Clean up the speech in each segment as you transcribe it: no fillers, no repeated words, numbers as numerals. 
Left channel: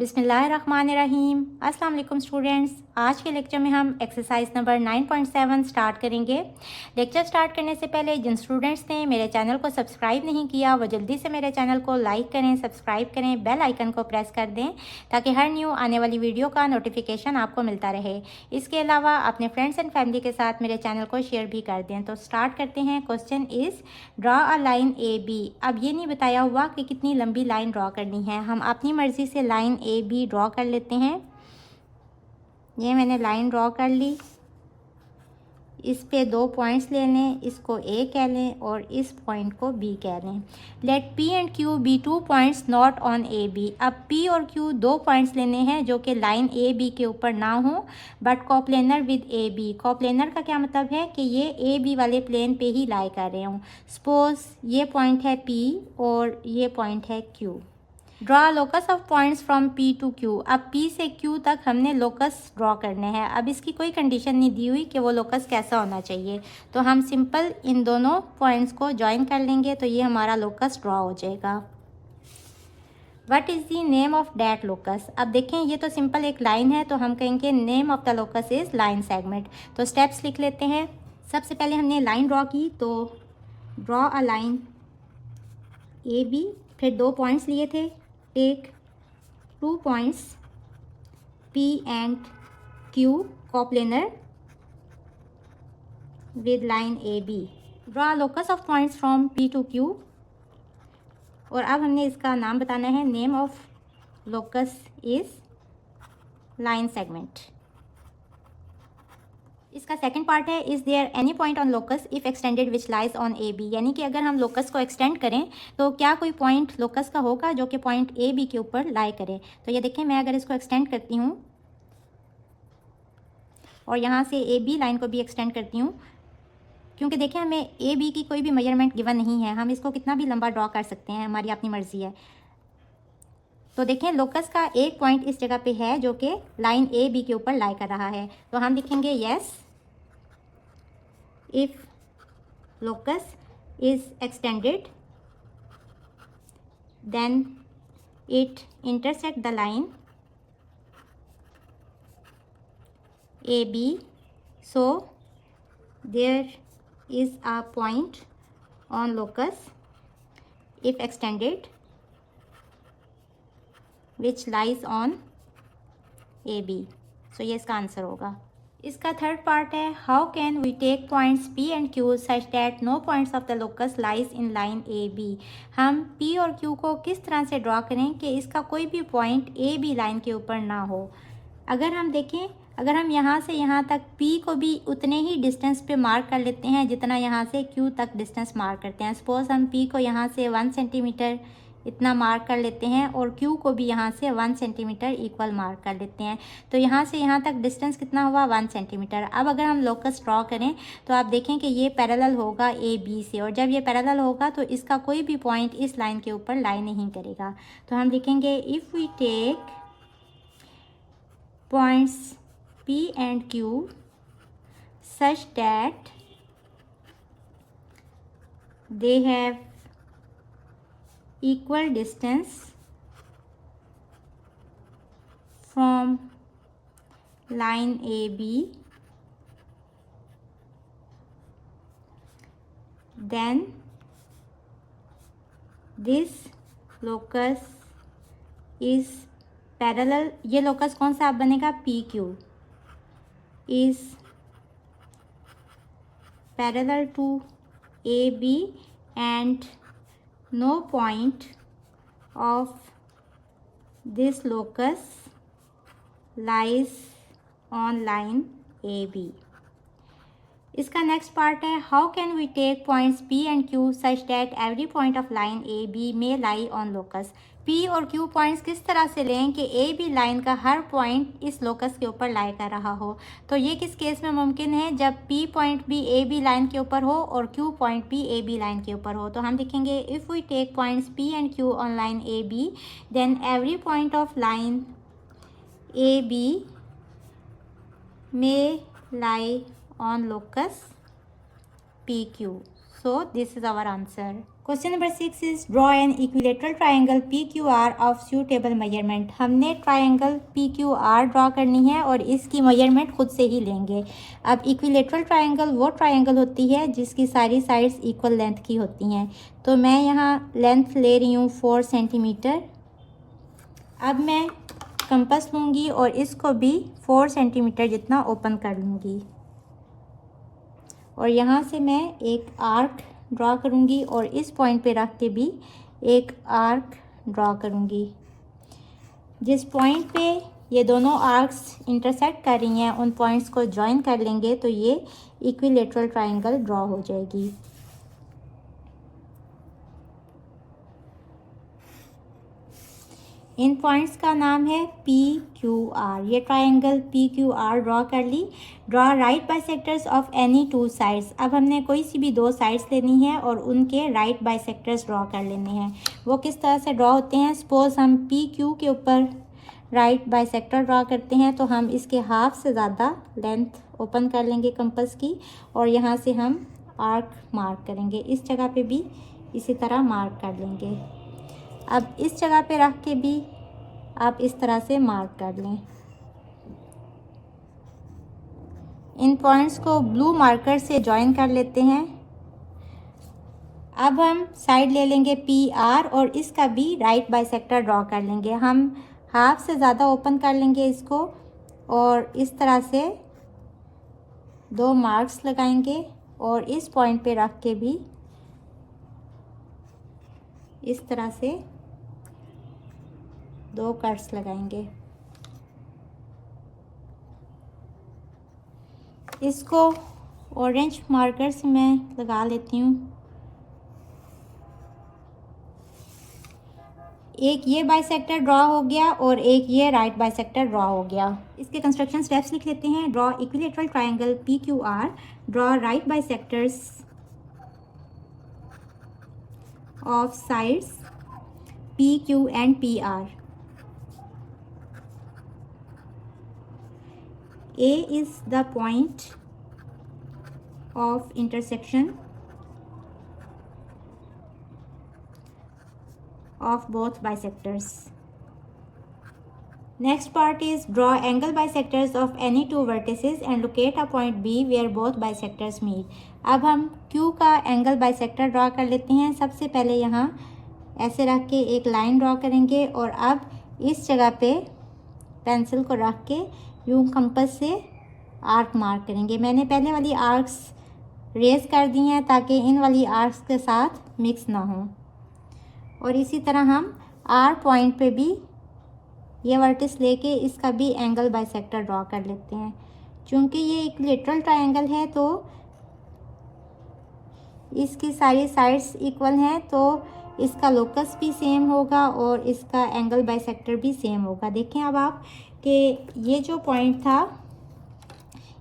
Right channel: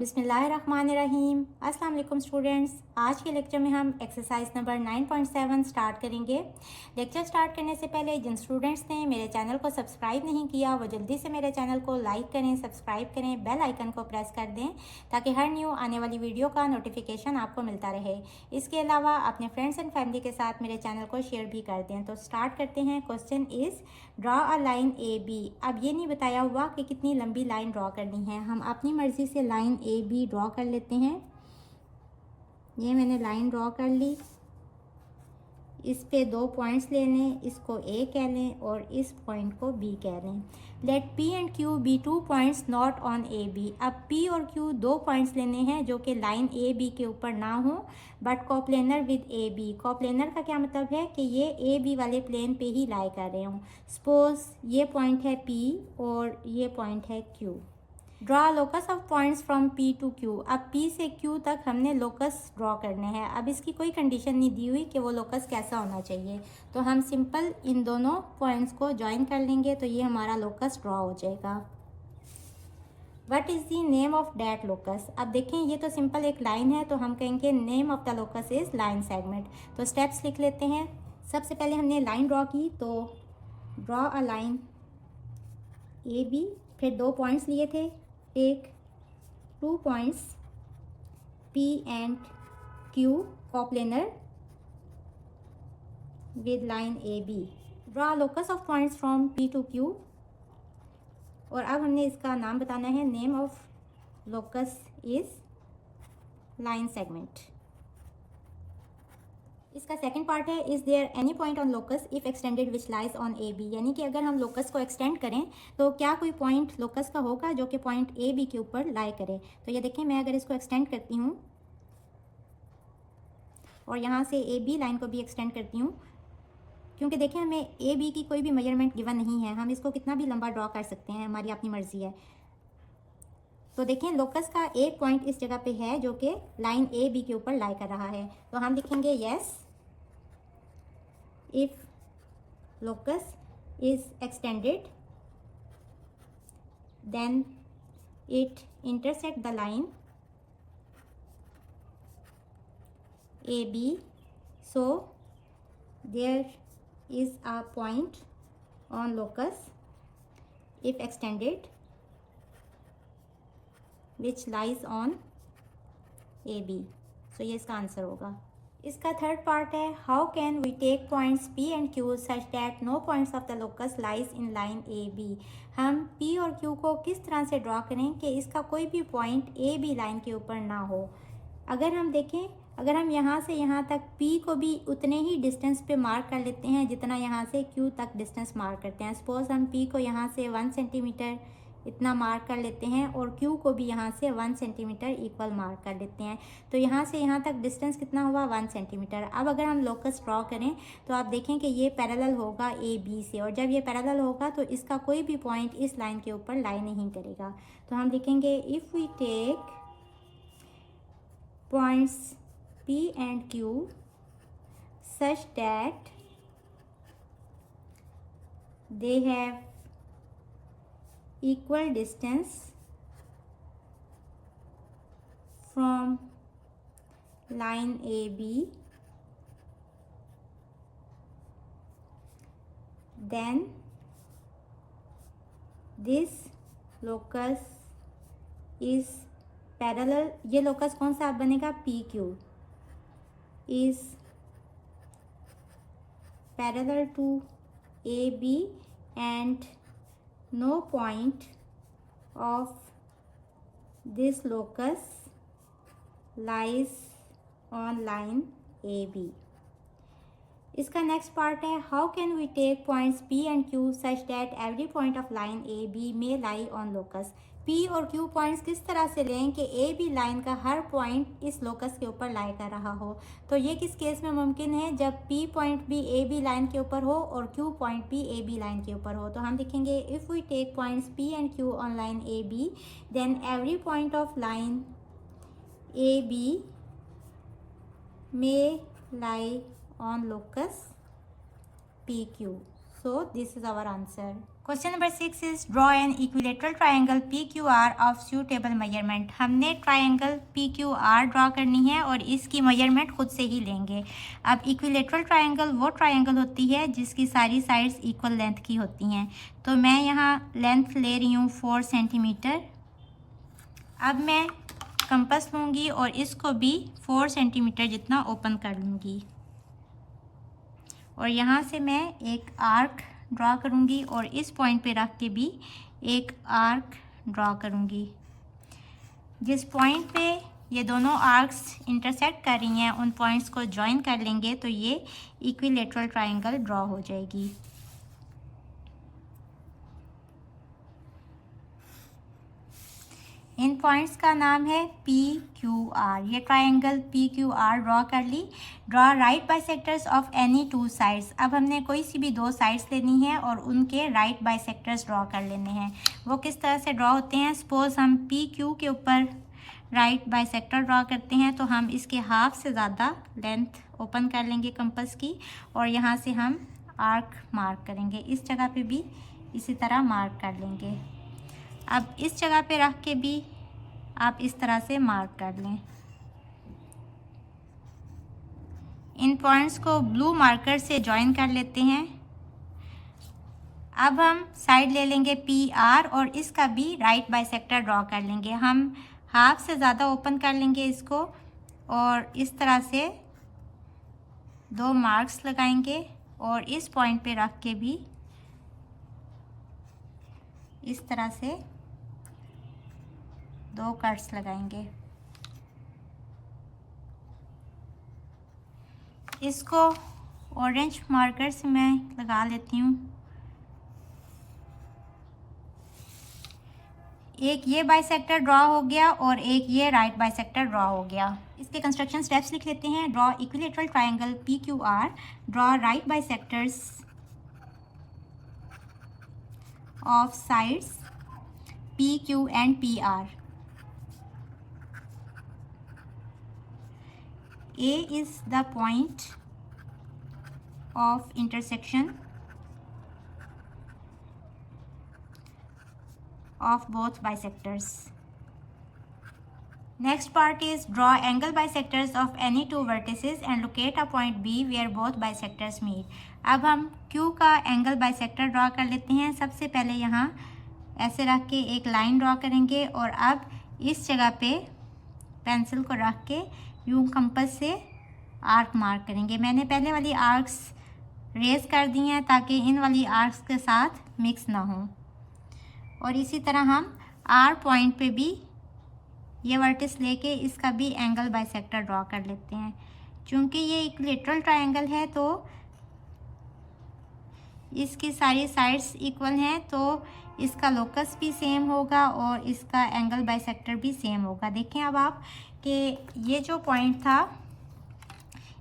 बिस्मिल्लाहिर्रहमानिर्रहीम। अस्सलाम वालेकुम स्टूडेंट्स। आज के लेक्चर में हम एक्सरसाइज नंबर 9.7 स्टार्ट करेंगे। लेक्चर स्टार्ट करने से पहले जिन स्टूडेंट्स ने मेरे चैनल को सब्सक्राइब नहीं किया वो जल्दी से मेरे चैनल को लाइक करें, सब्सक्राइब करें, बेल आइकन को प्रेस कर दें ताकि हर न्यू आने वाली वीडियो का नोटिफिकेशन आपको मिलता रहे। इसके अलावा अपने फ्रेंड्स एंड फैमिली के साथ मेरे चैनल को शेयर भी कर दें। तो स्टार्ट करते हैं। Question is draw a line A B. अब ये नहीं बताया हुआ कि कितनी लंबी लाइन ड्रॉ करनी है, हम अपनी मर्ज़ी से लाइन ए बी ड्रॉ कर लेते हैं। ये मैंने लाइन ड्रॉ कर ली। इस पे 2 पॉइंट्स ले लें, इसको ए कह लें और इस पॉइंट को बी कह लें। Let P and Q be 2 points not on A B. अब पी और क्यू 2 पॉइंट्स लेने हैं जो कि लाइन ए बी के ऊपर ना हो but coplanar with A B. Coplanar का क्या मतलब है कि ये ए बी वाले प्लेन पे ही लाई कर रहे हूँ। सपोज ये पॉइंट है पी और ये पॉइंट है Q. Draw locus of points from P to Q. अब पी से क्यू तक हमने लोकस ड्रॉ करने हैं। अब इसकी कोई कंडीशन नहीं दी हुई कि वो लोकस कैसा होना चाहिए, तो हम सिंपल इन दोनों पॉइंट्स को ज्वाइन कर लेंगे तो ये हमारा लोकस ड्रॉ हो जाएगा। What is the name of that locus. अब देखें ये तो सिंपल एक लाइन है तो हम कहेंगे name of the locus is line segment. तो स्टेप्स लिख लेते हैं। सबसे पहले हमने लाइन ड्रॉ की, तो draw a line A B, फिर 2 पॉइंट्स लिए थे। Take 2 points P and Q coplanar with line AB. Draw locus of points from P to Q. और अब हमने इसका नाम बताना है। Name of locus is line segment. इसका सेकंड पार्ट है is there any point on locus if extended which lies on A B. यानी कि अगर हम लोकस को एक्सटेंड करें तो क्या कोई पॉइंट लोकस का होगा जो कि पॉइंट ए बी के ऊपर लाई करे। तो ये देखें, मैं अगर इसको एक्सटेंड करती हूँ और यहाँ से ए बी लाइन को भी एक्सटेंड करती हूँ, क्योंकि देखें हमें ए बी की कोई भी मेजरमेंट गिवन नहीं है, हम इसको कितना भी लंबा ड्रॉ कर सकते हैं, हमारी अपनी मर्जी है। तो देखें लोकस का एक पॉइंट इस जगह पे है जो कि लाइन ए बी के ऊपर लाई कर रहा है, तो हम लिखेंगे yes if locus is extended then it intersect the line AB, so there is a point on locus if extended which lies on AB। so ये इसका आंसर होगा। इसका थर्ड पार्ट है how can we take points P and Q such that no points of the locus lies in line A B. हम P और Q को किस तरह से ड्रॉ करें कि इसका कोई भी पॉइंट ए बी लाइन के ऊपर ना हो। अगर हम देखें, अगर हम यहाँ से यहाँ तक पी को भी उतने ही डिस्टेंस पे मार्क कर लेते हैं जितना यहाँ से क्यू तक डिस्टेंस मार्क करते हैं। सपोज हम पी को यहाँ से 1 सेंटीमीटर इतना मार्क कर लेते हैं और क्यू को भी यहाँ से 1 सेंटीमीटर इक्वल मार्क कर लेते हैं, तो यहाँ से यहाँ तक डिस्टेंस कितना हुआ 1 सेंटीमीटर। अब अगर हम लोकस ड्रॉ करें तो आप देखें कि ये पैरेलल होगा ए बी से, और जब ये पैरेलल होगा तो इसका कोई भी पॉइंट इस लाइन के ऊपर लाई नहीं करेगा। तो हम लिखेंगे if we take points P and Q such that they have equal distance from line AB, then this locus is parallel। ये locus कौन सा अब बनेगा, PQ is parallel to AB and no point of this locus lies on line AB। इसका next part है how can we take points P and Q such that every point of line A B may lie on locus. P और Q points किस तरह से लें कि A B line का हर point इस लोकस के ऊपर लाई कर रहा हो। तो ये किस केस में मुमकिन है, जब पी पॉइंट भी ए बी लाइन के ऊपर हो और क्यू पॉइंट भी ए बी लाइन के ऊपर हो। तो हम लिखेंगे if we take points P and Q on line A B then every point of line A B may lie on locus PQ। So this is our answer. Question number 6 is draw an equilateral triangle PQR of suitable measurement. हमने triangle PQR draw करनी है और इसकी measurement खुद से ही लेंगे. अब equilateral triangle वो ट्रायंगल होती है जिसकी सारी साइड्स इक्वल लेंथ की होती हैं. तो मैं यहाँ लेंथ ले रही हूँ 4 सेंटीमीटर. अब मैं कंपास लूँगी और इसको भी 4 सेंटीमीटर जितना ओपन कर लूँगी और यहाँ से मैं एक आर्क ड्रॉ करूँगी और इस पॉइंट पे रख के भी एक आर्क ड्रॉ करूँगी. जिस पॉइंट पे ये दोनों आर्क्स इंटरसेक्ट कर रही हैं उन पॉइंट्स को ज्वाइन कर लेंगे तो ये इक्विलेटरल ट्रायंगल ड्रॉ हो जाएगी. इन पॉइंट्स का नाम है PQR. ये ट्रायंगल PQR ड्रॉ कर ली. Draw right bisectors of any 2 sides. अब हमने कोई सी भी 2 साइड्स लेनी है और उनके राइट बाइसेक्टर्स ड्रॉ कर लेने हैं. वो किस तरह से ड्रॉ होते हैं? सपोज हम PQ के ऊपर राइट बाइसेक्टर ड्रॉ करते हैं तो हम इसके हाफ से ज़्यादा लेंथ ओपन कर लेंगे कंपास की और यहाँ से हम आर्क मार्क करेंगे. इस जगह पे भी इसी तरह मार्क कर लेंगे. अब इस जगह पे रख के भी आप इस तरह से मार्क कर लें. इन पॉइंट्स को ब्लू मार्कर से ज्वाइन कर लेते हैं. अब हम साइड ले लेंगे PR और इसका भी राइट बाइसेक्टर ड्रॉ कर लेंगे. हम हाफ से ज़्यादा ओपन कर लेंगे इसको और इस तरह से 2 मार्क्स लगाएंगे और इस पॉइंट पे रख के भी इस तरह से 2 कट्स लगाएंगे. इसको ऑरेंज मार्कर से मैं लगा लेती हूँ. एक ये बाइसेक्टर ड्रॉ हो गया और एक ये राइट बाइसेक्टर ड्रॉ हो गया. इसके कंस्ट्रक्शन स्टेप्स लिख लेते हैं. Draw equilateral triangle PQR. Draw right bisectors of sides PQ and PR. A is the point of intersection of both bisectors. Next part is draw angle bisectors of any 2 vertices and locate a point B where both bisectors meet. अब हम Q का angle bisector draw कर लेते हैं. सबसे पहले यहाँ ऐसे रख के एक लाइन ड्रॉ करेंगे और अब इस जगह पे पेंसिल को रख के यूं कंपास से आर्क मार्क करेंगे. मैंने पहले वाली आर्क्स रेज कर दी हैं ताकि इन वाली आर्क्स के साथ मिक्स ना हो. और इसी तरह हम R पॉइंट पे भी ये वर्टिस लेके इसका भी एंगल बाइसेक्टर ड्रॉ कर लेते हैं. चूँकि ये एक इक्विलेटरल ट्रायंगल है तो इसकी सारी साइड्स इक्वल हैं तो इसका लोकस भी सेम होगा और इसका एंगल बाइसेक्टर भी सेम होगा. देखें अब आप कि ये जो पॉइंट था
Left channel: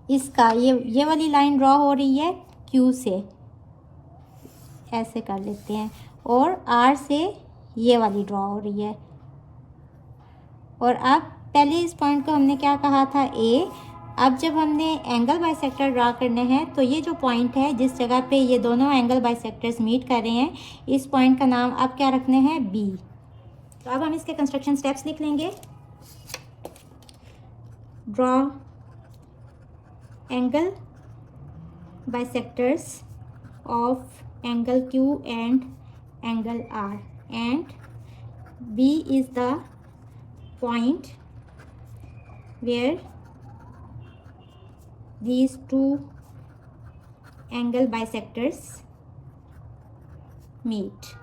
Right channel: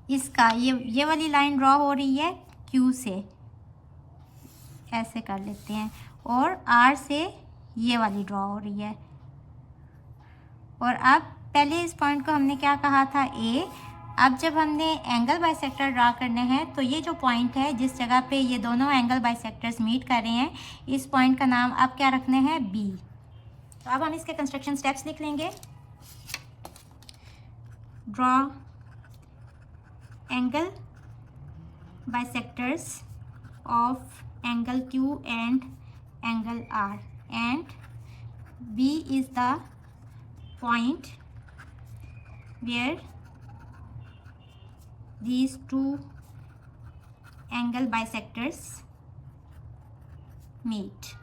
इसका ये वाली लाइन ड्रॉ हो रही है Q से. ऐसे कर लेते हैं और R से ये वाली ड्रॉ हो रही है. और अब पहले इस पॉइंट को हमने क्या कहा था? A. अब जब हमने एंगल बाइसेक्टर ड्रा करने हैं तो ये जो पॉइंट है जिस जगह पे ये दोनों एंगल बाइसेक्टर्स मीट कर रहे हैं इस पॉइंट का नाम अब क्या रखने हैं? B. तो अब हम इसके कंस्ट्रक्शन स्टेप्स लिख लेंगे. Draw angle bisectors of angle Q and angle R and B is the point where these 2 angle bisectors meet.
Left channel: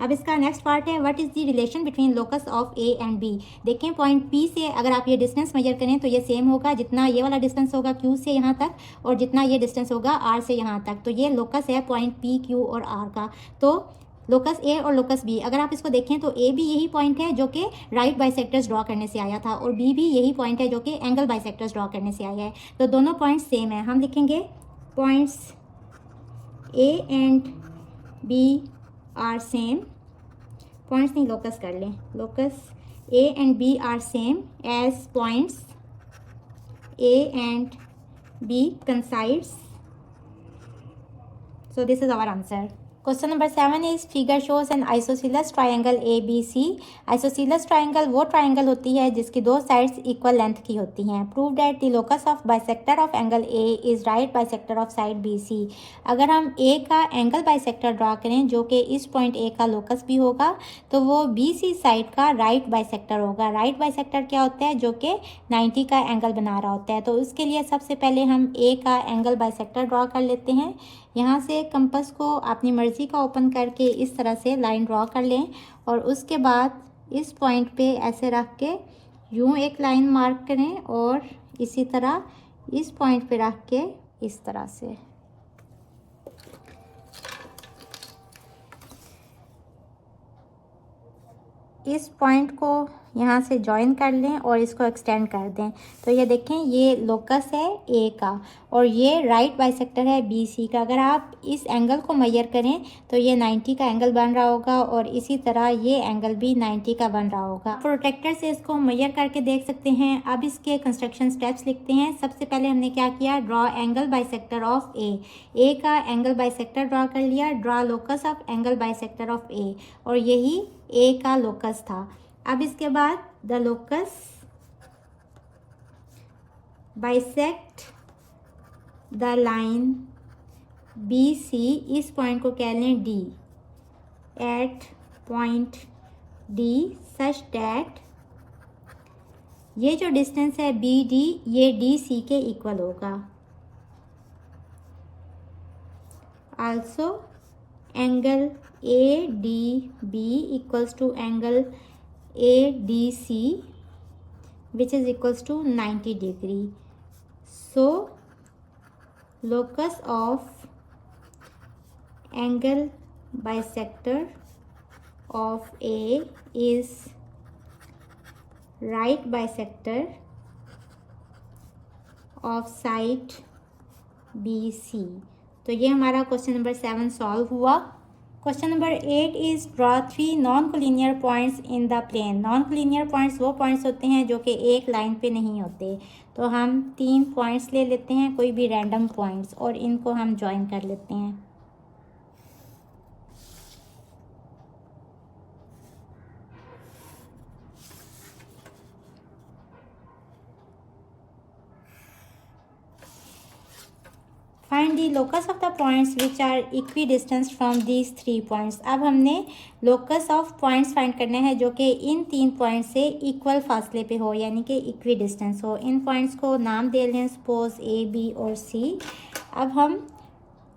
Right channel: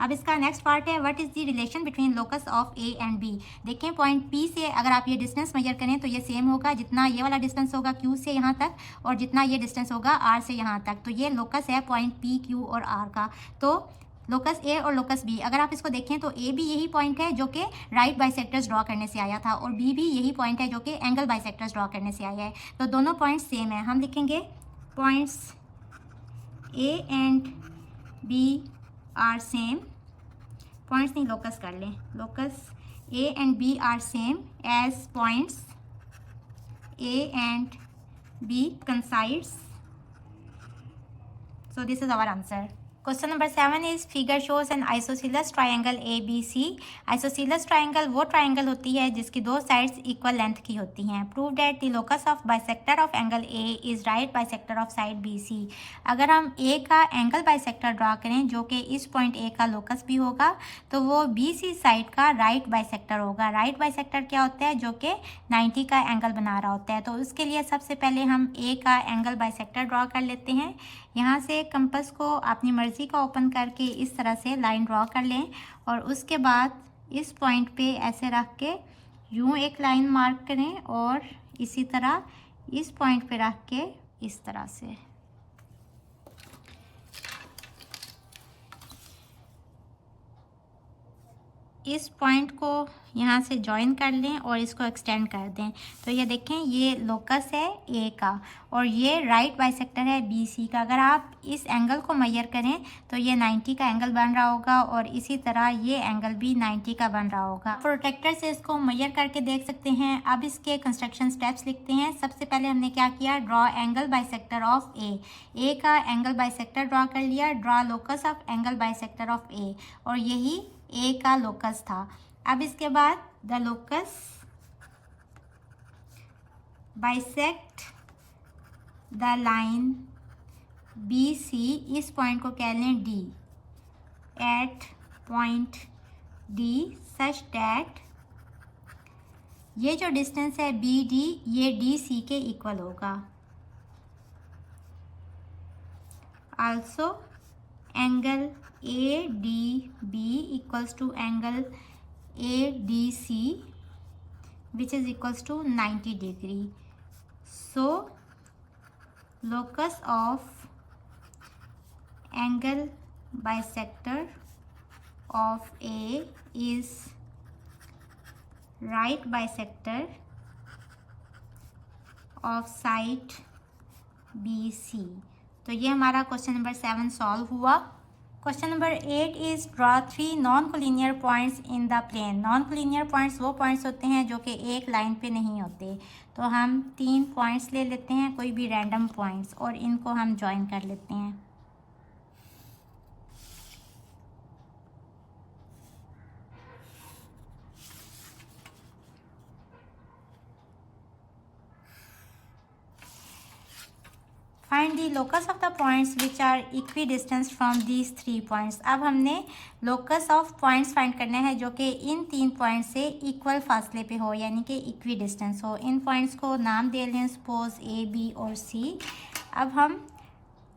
अब इसका नेक्स्ट पार्ट है what is the relation between locus of A and B. देखें point P से अगर आप ये distance measure करें तो ये सेम होगा जितना ये वाला डिस्टेंस होगा Q से यहाँ तक और जितना ये डिस्टेंस होगा R से यहाँ तक. तो ये लोकस है पॉइंट P, Q और R का. तो लोकस A और लोकस B अगर आप इसको देखें तो A भी यही पॉइंट है जो कि राइट बाइसेक्टर्स ड्रॉ करने से आया था और B भी यही पॉइंट है जो कि एंगल बाइसेक्टर्स ड्रॉ करने से आया है. तो दोनों पॉइंट्स सेम है. हम लिखेंगे points A and B are same. Points नहीं लोकस कर लें. Locus A and B are same as points A and B coincides. So this is our answer. Question number 7 is figure shows an isosceles triangle ABC. Isosceles triangle वो triangle होती है जिसकी दो sides equal length की होती हैं. Prove that the locus of bisector of angle A is right bisector of side BC. अगर हम A का एंगल बाइसेक्टर ड्रा करें जो कि इस पॉइंट A का लोकस भी होगा तो वो BC साइड का राइट बाइसेक्टर होगा. राइट बाइसेक्टर क्या होता है? जो कि 90 का एंगल बना रहा होता है. तो उसके लिए सबसे पहले हम A का एंगल बाइसेक्टर ड्रा कर लेते हैं. यहाँ से कंपास को अपनी मर्ज़ी का ओपन करके इस तरह से लाइन ड्रॉ कर लें और उसके बाद इस पॉइंट पे ऐसे रख के यूँ एक लाइन मार्क करें और इसी तरह इस पॉइंट पे रख के इस तरह से इस पॉइंट को यहाँ से जॉइन कर लें और इसको एक्सटेंड कर दें. तो ये देखें ये लोकस है ए का और ये राइट बाइसेक्टर है बी सी का. अगर आप इस एंगल को मेजर करें तो ये 90 का एंगल बन रहा होगा और इसी तरह ये एंगल भी 90 का बन रहा होगा. प्रोटेक्टर से इसको मेजर करके देख सकते हैं. अब इसके कंस्ट्रक्शन स्टेप्स लिखते हैं. सबसे पहले हमने क्या किया? Draw angle bisector of A का एंगल बाइसेक्टर ड्रॉ कर लिया. Draw locus of angle bisector of A और यही ए का लोकस था. अब इसके बाद the locus bisect the line B C, इस पॉइंट को कह लें D, at point D such that ये जो डिस्टेंस है बी डी ये डी सी के इक्वल होगा. Also angle A D B equals to angle ADC which is equals to 90 degree. So locus of angle bisector of A is right bisector of side BC. तो ये हमारा question number 7 solve हुआ. Question number 8 is draw 3 non collinear points in the plane. Non collinear points वो points होते हैं जो कि एक लाइन पे नहीं होते. तो हम 3 पॉइंट्स ले लेते हैं, कोई भी रैंडम पॉइंट्स, और इनको हम ज्वाइन कर लेते हैं. Find the locus of the points which are equidistance from these 3 points. अब हमने लोकस ऑफ पॉइंट्स फाइंड करना है जो कि इन 3 पॉइंट से इक्वल फासले पे हो, यानी कि इक्वी डिस्टेंस हो. इन पॉइंट्स को नाम दे लें, सपोज ए बी और सी. अब हम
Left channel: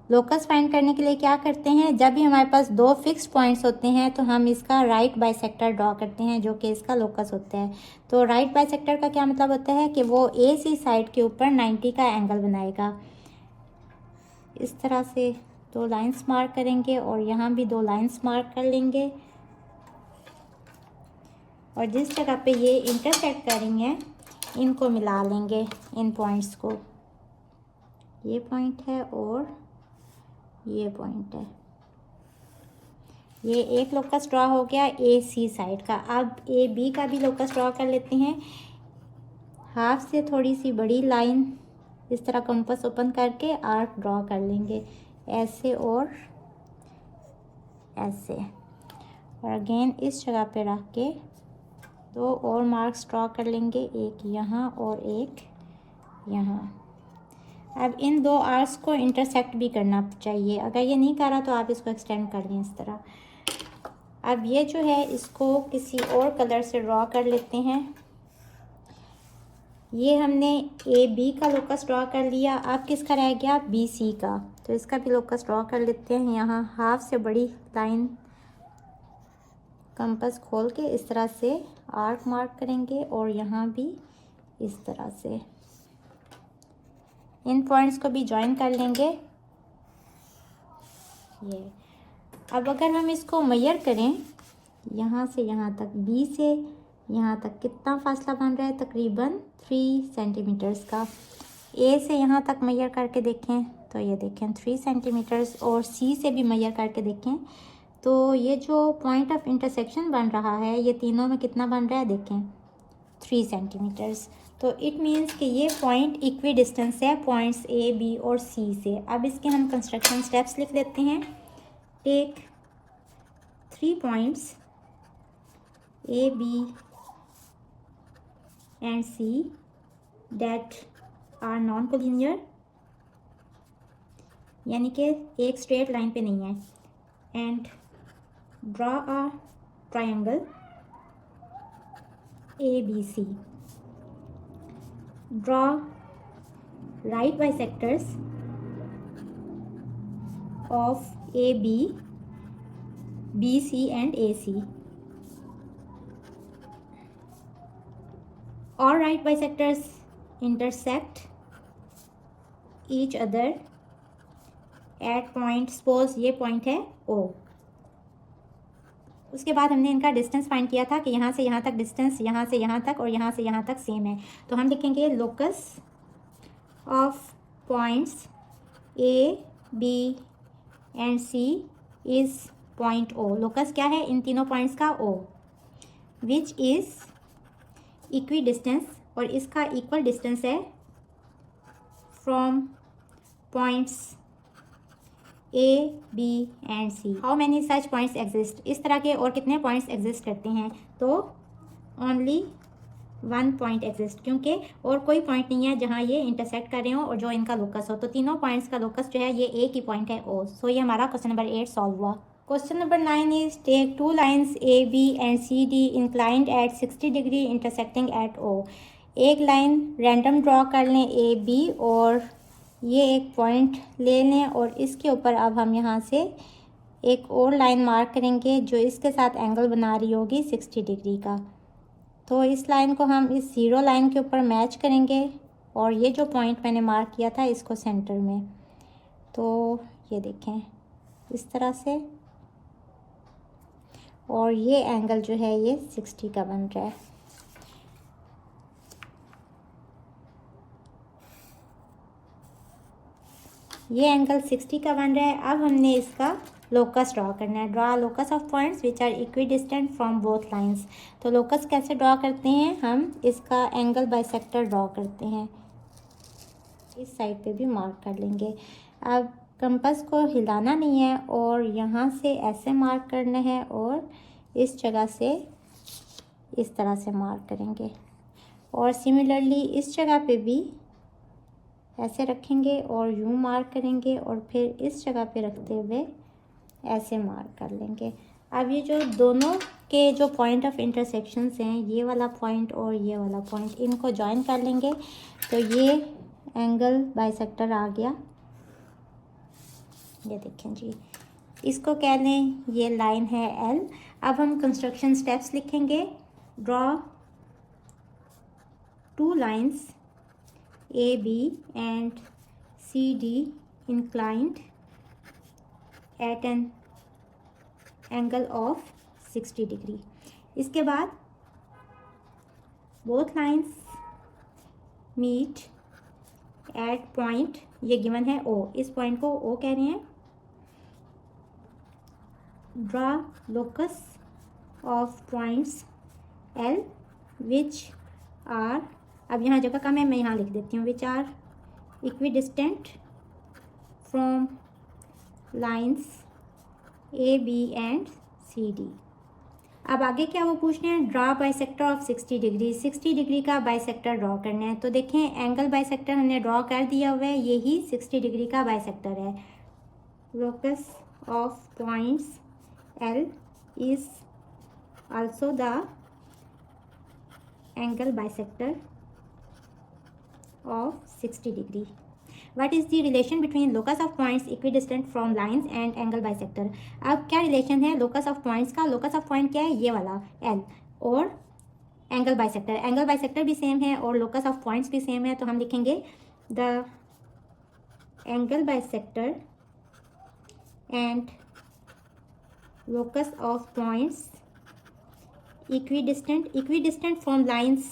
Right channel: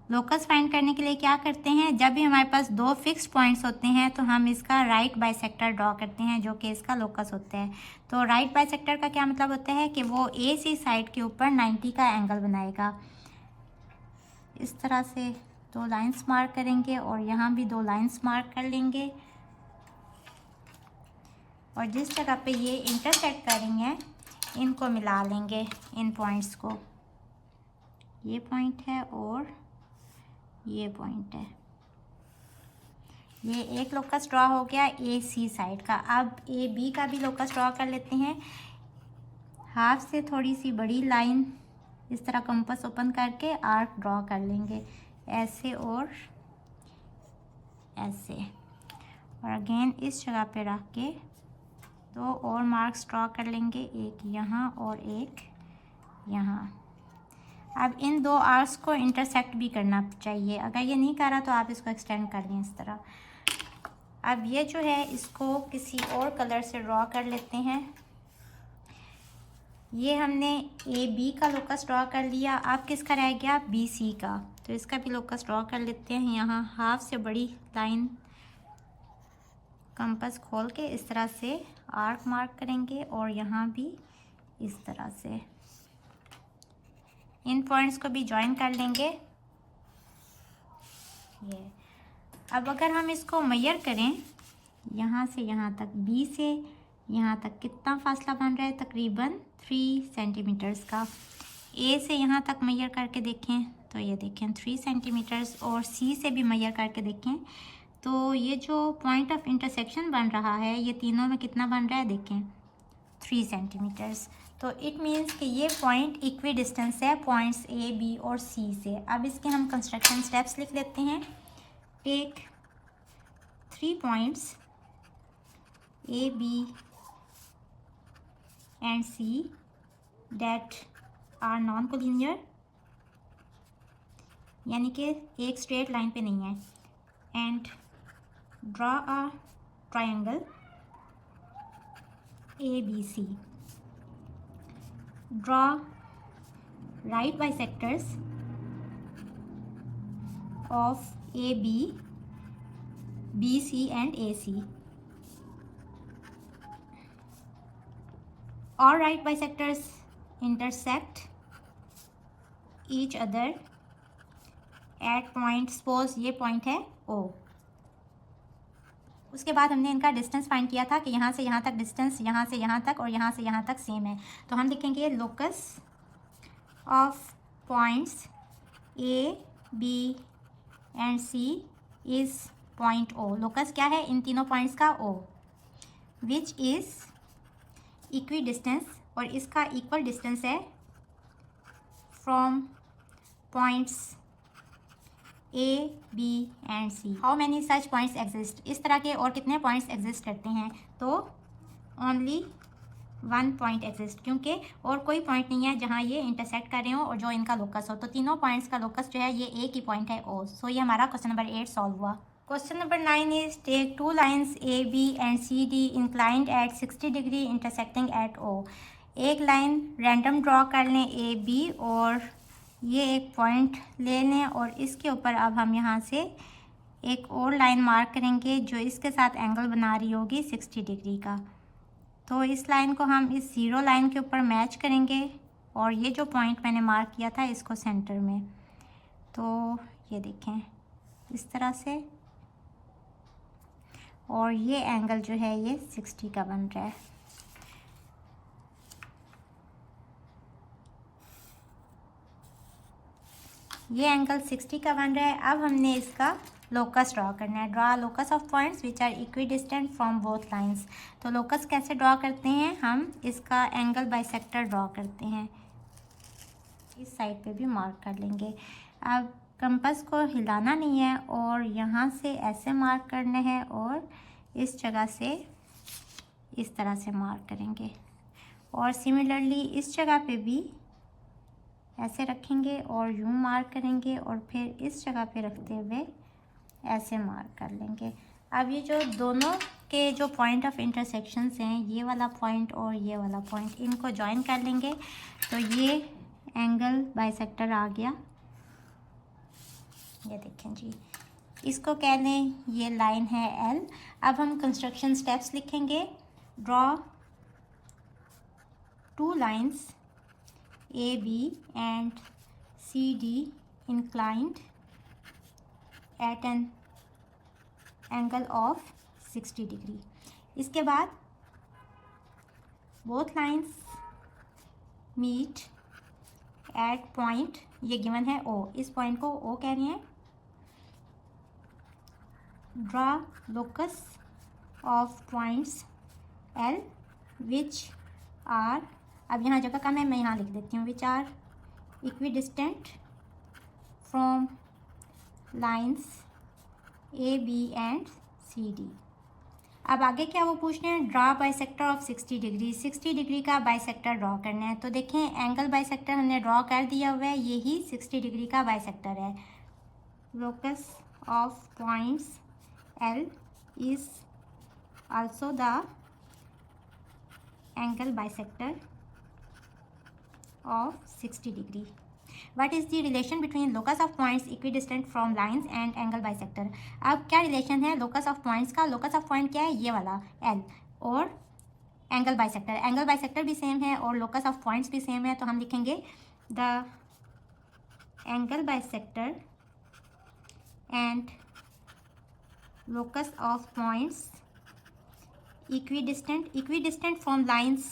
लोकस फाइंड करने के लिए क्या करते हैं? जब भी हमारे पास 2 फिक्स्ड पॉइंट्स होते हैं तो हम इसका राइट बाइसेक्टर ड्रॉ करते हैं जो कि इसका लोकस होता है. तो राइट बाइसेक्टर का क्या मतलब होता है कि वो ए सी साइड के ऊपर 90 का एंगल बनाएगा. इस तरह से 2 लाइंस मार्क करेंगे और यहाँ भी 2 लाइंस मार्क कर लेंगे और जिस जगह पे ये इंटरसेक्ट करेंगे इनको मिला लेंगे, इन पॉइंट्स को. ये पॉइंट है और ये पॉइंट है. ये एक लोकस ड्रॉ हो गया ए सी साइड का. अब ए बी का भी लोकस ड्रॉ कर लेते हैं. हाफ से थोड़ी सी बड़ी लाइन इस तरह कंपास ओपन करके आर्क ड्रॉ कर लेंगे, ऐसे और ऐसे, और अगेन इस जगह पे रख के 2 और मार्क्स ड्रॉ कर लेंगे, एक यहाँ और एक यहाँ. अब इन 2 आर्क्स को इंटरसेक्ट भी करना चाहिए. अगर ये नहीं कर रहा तो आप इसको एक्सटेंड कर लें इस तरह. अब ये जो है इसको किसी और कलर से ड्रॉ कर लेते हैं. ये हमने ए बी का लोकस ड्रॉ कर लिया. अब किसका रह गया? बी सी का. तो इसका भी लोकस ड्रॉ कर लेते हैं. यहाँ हाफ से बड़ी लाइन कंपास खोल के इस तरह से आर्क मार्क करेंगे और यहाँ भी इस तरह से इन पॉइंट्स को भी ज्वाइन कर लेंगे. ये अब अगर हम इसको मेजर करें यहाँ से यहाँ तक, बी से यहाँ तक कितना फासला बन रहा है? तकरीबन 3 सेंटीमीटर्स का. ए से यहाँ तक मेजर करके देखें तो ये देखें 3 सेंटीमीटर्स, और सी से भी मेजर करके देखें तो ये जो पॉइंट ऑफ इंटरसेक्शन बन रहा है ये तीनों में कितना बन रहा है? देखें 3 सेंटीमीटर्स. तो इट मीन्स कि ये पॉइंट इक्वी डिस्टेंस है पॉइंट्स ए बी और सी से। अब इसके हम कंस्ट्रक्शन स्टेप्स लिख लेते हैं। Take 3 points A B and C that are non collinear, यानी कि एक स्ट्रेट लाइन पे नहीं है, and draw a triangle A B C. Draw right bisectors of A B, B C and A C. All right bisectors intersect each other at point, suppose ये point है O। उसके बाद हमने इनका distance find किया था कि यहाँ से यहाँ तक डिस्टेंस, यहाँ से यहाँ तक और यहाँ से यहाँ तक सेम है। तो हम लिखेंगे locus of points A, B and C is point O। Locus क्या है इन तीनों पॉइंट्स का? O, which is equidistance, और इसका इक्वल डिस्टेंस है from points A B and C. How many such points exist, इस तरह के और कितने पॉइंट्स एग्जिस्ट करते हैं? तो ओनली 1 पॉइंट एग्जिस्ट, क्योंकि और कोई पॉइंट नहीं है जहां ये इंटरसेक्ट कर रहे हो और जो इनका लोकस हो। तो तीनों पॉइंट्स का लोकस जो है ये एक ही पॉइंट है O। सो ये हमारा क्वेश्चन नंबर 8 सॉल्व हुआ। Question number 9 is take 2 lines A, B and C, D inclined at 60 degree intersecting at O। एक लाइन रैंडम ड्रॉ कर लें A, B और ये एक पॉइंट ले लें और इसके ऊपर अब हम यहाँ से एक और लाइन मार्क करेंगे जो इसके साथ एंगल बना रही होगी 60 डिग्री का। तो इस लाइन को हम इस 0 लाइन के ऊपर मैच करेंगे और ये जो पॉइंट मैंने मार्क किया था इसको सेंटर में। तो ये देखें इस तरह से, और ये एंगल जो है ये 60 का बन रहा है। ये एंगल 60 का बन रहा है। अब हमने इसका लोकस ड्रॉ करना है। Draw locus of points which are equidistant from both lines. तो लोकस कैसे ड्रॉ करते हैं? हम इसका एंगल बाइसेक्टर ड्रॉ करते हैं। इस साइड पे भी मार्क कर लेंगे। अब कंपास को हिलाना नहीं है और यहाँ से ऐसे मार्क करना है और इस जगह से इस तरह से मार्क करेंगे, और सिमिलरली इस जगह पे भी ऐसे रखेंगे और यूं मार्क करेंगे और फिर इस जगह पे रखते हुए ऐसे मार्क कर लेंगे। अब ये जो दोनों के जो पॉइंट ऑफ इंटरसेक्शंस हैं, ये वाला पॉइंट और ये वाला पॉइंट, इनको ज्वाइन कर लेंगे तो ये एंगल बाइसेक्टर आ गया। ये देखें जी, इसको कह लें ये लाइन है L। अब हम कंस्ट्रक्शन स्टेप्स लिखेंगे। Draw 2 lines A, B and C, D inclined at an angle of 60 degree. इसके बाद both lines meet at point, ये गिवन है O, इस पॉइंट को O कह रहे हैं। Draw locus of points L which are, अब यहाँ जगह कम है मैं यहाँ लिख देती हूँ, which are equidistant from lines A, B and C, D। अब आगे क्या वो पूछ रहे हैं? Draw bisector of 60 degree. 60 degree का बाइसेक्टर ड्रॉ करना है। तो देखें एंगल बाइसेक्टर हमने ड्रॉ कर दिया हुआ है, यही 60 डिग्री का बाइसेक्टर है। Locus of points L is also the angle bisector of 60 degree. What is the relation between locus of points equidistant from lines and angle bisector? अब क्या रिलेशन है locus of points का? locus of point क्या है? ये वाला L, और angle bisector, angle bisector भी सेम है और locus of points भी सेम है। तो हम लिखेंगे the angle bisector and locus of points equidistant from lines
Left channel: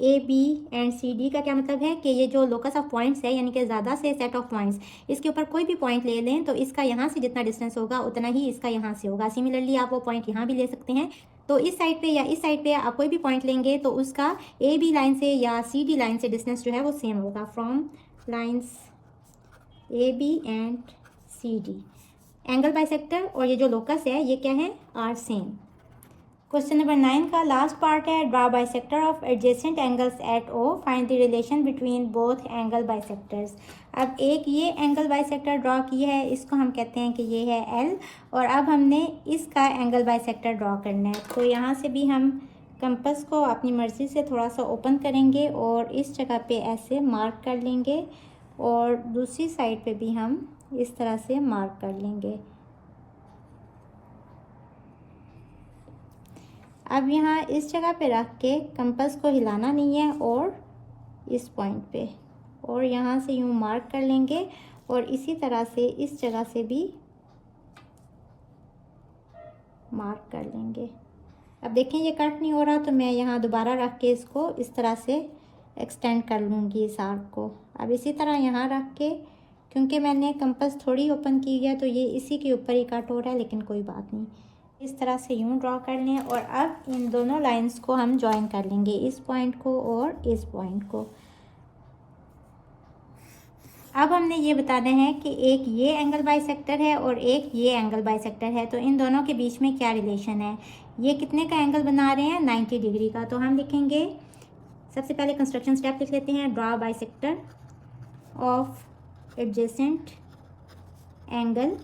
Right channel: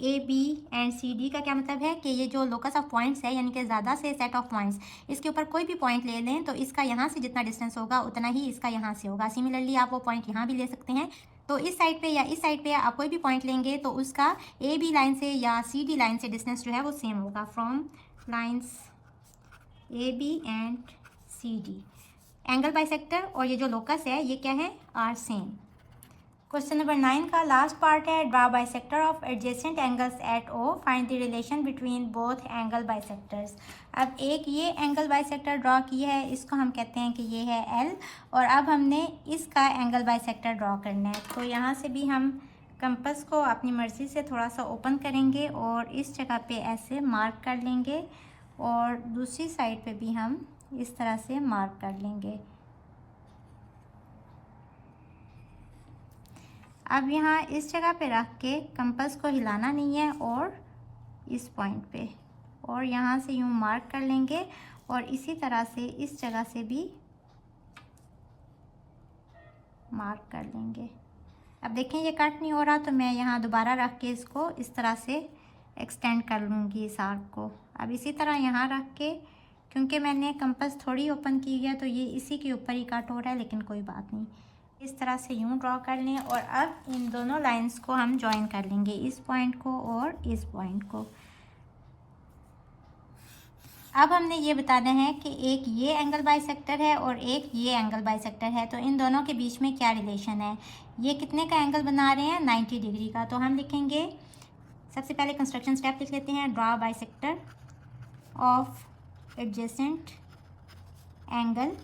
A, B and C, D का क्या मतलब है कि ये जो लोकस ऑफ पॉइंट्स है यानी कि ज़्यादा से सेट ऑफ पॉइंट्स, इसके ऊपर कोई भी पॉइंट ले लें तो इसका यहाँ से जितना डिस्टेंस होगा उतना ही इसका यहाँ से होगा। सिमिलरली आप वो पॉइंट यहाँ भी ले सकते हैं। तो इस साइड पे या इस साइड पे आप कोई भी पॉइंट लेंगे तो उसका ए बी लाइन से या सी डी लाइन से डिस्टेंस जो है वो सेम होगा। From lines A B and C D angle bisector और ये जो लोकस है ये क्या है, आर सेम। क्वेश्चन नंबर 9 का लास्ट पार्ट है, draw bisector of adjacent angles at O, find the relation between both angle bisectors. अब एक ये एंगल बाइसेक्टर ड्रॉ किया है, इसको हम कहते हैं कि ये है एल, और अब हमने इसका एंगल बाइसेक्टर ड्रॉ करना है। तो यहाँ से भी हम कंपास को अपनी मर्ज़ी से थोड़ा सा ओपन करेंगे और इस जगह पे ऐसे मार्क कर लेंगे, और दूसरी साइड पे भी हम इस तरह से मार्क कर लेंगे। अब यहाँ इस जगह पे रख के कंपास को हिलाना नहीं है, और इस पॉइंट पे, और यहाँ से यूँ मार्क कर लेंगे, और इसी तरह से इस जगह से भी मार्क कर लेंगे। अब देखें ये कट नहीं हो रहा, तो मैं यहाँ दोबारा रख के इसको इस तरह से एक्सटेंड कर लूँगी इस आर्क को। अब इसी तरह यहाँ रख के, क्योंकि मैंने कंपास थोड़ी ओपन की है तो ये इसी के ऊपर ही कट हो रहा है, लेकिन कोई बात नहीं, इस तरह से यूँ ड्रॉ कर लें। और अब इन दोनों लाइंस को हम ज्वाइन कर लेंगे, इस पॉइंट को और इस पॉइंट को। अब हमने ये बताना है कि एक ये एंगल बाइसेक्टर है और एक ये एंगल बाइसेक्टर है, तो इन दोनों के बीच में क्या रिलेशन है। ये कितने का एंगल बना रहे हैं, 90 डिग्री का। तो हम लिखेंगे, सबसे पहले कंस्ट्रक्शन स्टेप लिख लेते हैं, draw bisector of adjacent angle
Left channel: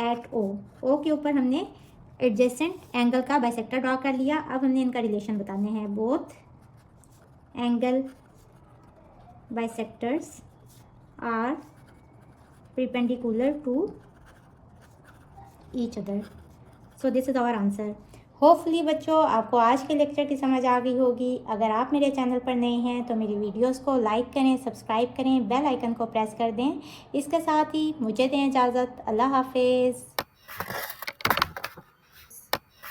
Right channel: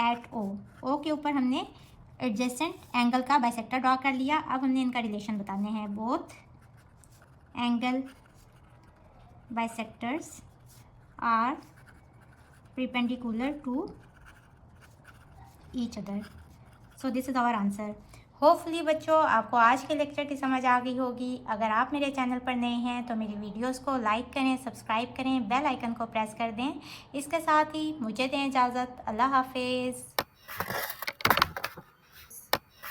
at O. O के ऊपर हमने एडजेसेंट एंगल का बाइसेक्टर ड्रॉ कर लिया। अब हमने इनका रिलेशन बताने हैं, both angle bisectors are perpendicular to each other. So this is our answer. Hopefully बच्चों आपको आज के लेक्चर की समझ आ गई होगी। अगर आप मेरे चैनल पर नए हैं तो मेरी वीडियोस को लाइक करें, सब्सक्राइब करें, बेल आइकन को प्रेस कर दें। इसके साथ ही मुझे दें इजाज़त। अल्लाह हाफिज़।